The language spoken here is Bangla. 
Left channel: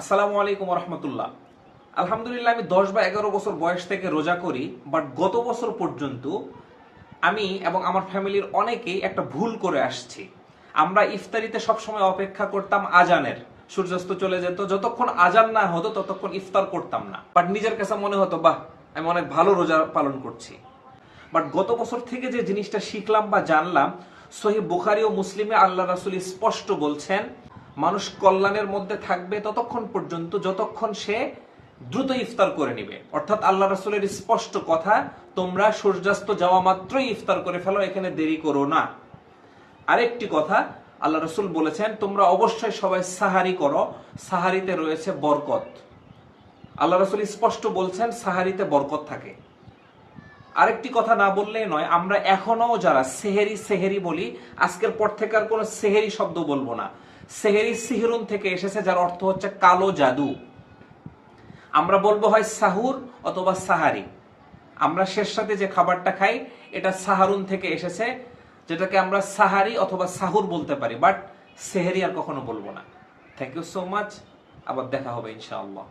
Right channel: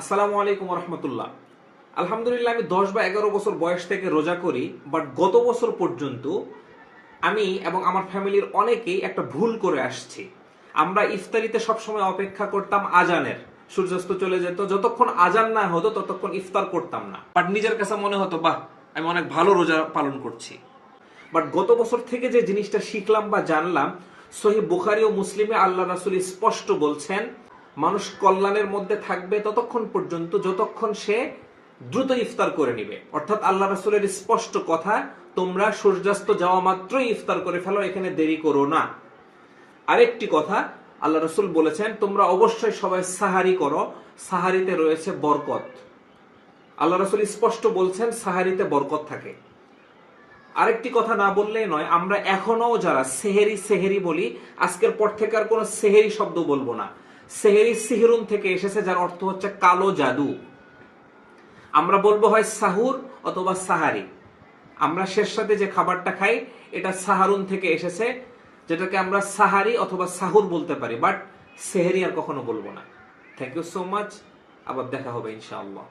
আসসালামু আলাইকুম রহমতুল্লাহ। আলহামদুলিল্লাহ, আমি 10 বা 11 বছর বয়স থেকে রোজা করি। বাট গত বছর পর্যন্ত আমি এবং আমার ফ্যামিলির অনেকেই একটা ভুল করে আসছি। আমরা ইফতারিতে সবসময় অপেক্ষা করতাম আজানের, সূর্যাস্ত চলে যেত, যতক্ষণ আজান না হতো ততক্ষণ ইফতার করতাম না। বাট নিজের কাছে মনে হতো বাহ, আমি অনেক ভালো রোজা পালন করছি। বাট গত বছর থেকে যে জিনিসটা শিখলাম বা জানলাম, সহিহ বুখারী ও মুসলিমে আল্লাহ রাসূল স্পষ্ট বলছেন, মানুষ কল্যাণের মধ্যে থাকবে ততক্ষণ পর্যন্ত যতক্ষণ সে দ্রুত ইফতার করে নিবে। অর্থাৎ আল্লাহ রাসূলের স্পষ্ট কথা, তোমরা সূর্যাস্ত যাওয়া মাত্রই ইফতার করে ফেলো, এখানে দেরি করো না। আরেকটি কথা, আল্লাহ রাসূল বলেছেন, তোমরা অবশ্যই সবাই সাহারি করো, সাহারিতে রয়েছে বরকত। আল্লাহ রাসূল স্পষ্ট বলছেন সাহারিতে বরকত থাকে। আরেকটি কথা না বললেই নয়, আমরা এখনো যারা সেহেরি সেহেরি বলি, আজকের পর থেকে আর কোনো সেহেরি শব্দ বলবো না। সেহেরি সিহরুন থেকে এসেছে, যার অর্থ হচ্ছে কালো জাদু। আমরা বলবো হয় সাহুর অথবা সাহারি। আমরা শেষ সাথে যে খাবারটা খাই এটা সাহারুন থেকে এসেছে, যেটাকে আমরা সাহারি অথবা সাহুর বলতে পারি, বাট সেহেরি আর কখনো বলবো না। Thank you so much. আবার দেখা হবে ইনশাআল্লাহ।